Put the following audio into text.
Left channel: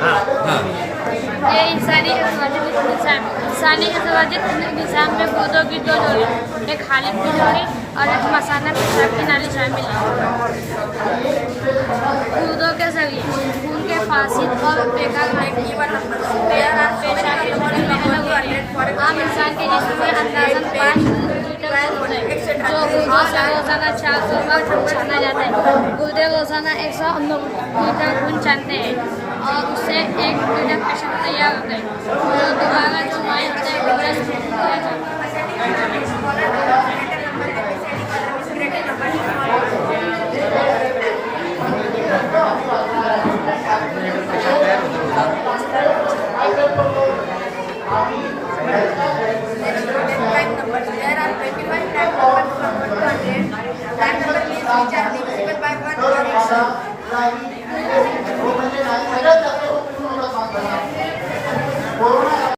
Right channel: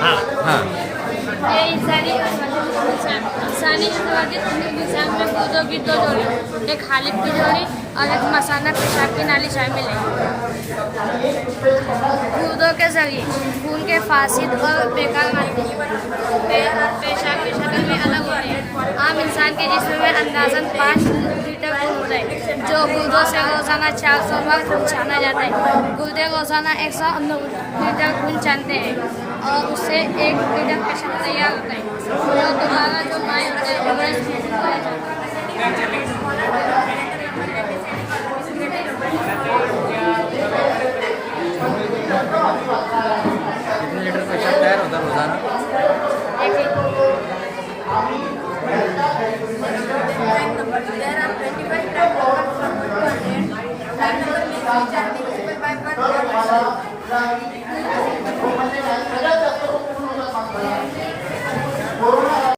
हाँ। ये इंसानी निज़ाम में गुर्दों की दो डोरियाँ, एक खालिब की डोरी और एक मसाना पेशाब की नाली शामिल है। गुर्दों के जरिए खून के फासिद और बेकार पेशाब की शक्ल में अलग होते हैं। आम इंसान के जिस्म में अंदाज़न 5 लीटर खून होता है, जो गुर्दों से रोज़ाना 400 बार खून छाना जाता है। गुर्दे रोज़ाना 109 लीटर खून छानते हैं और उससे 1 लीटर पेशाब तैयार होता है। और दोबारा जो माय होता है वो ब्रेस्ट फीड किया जाता है। Like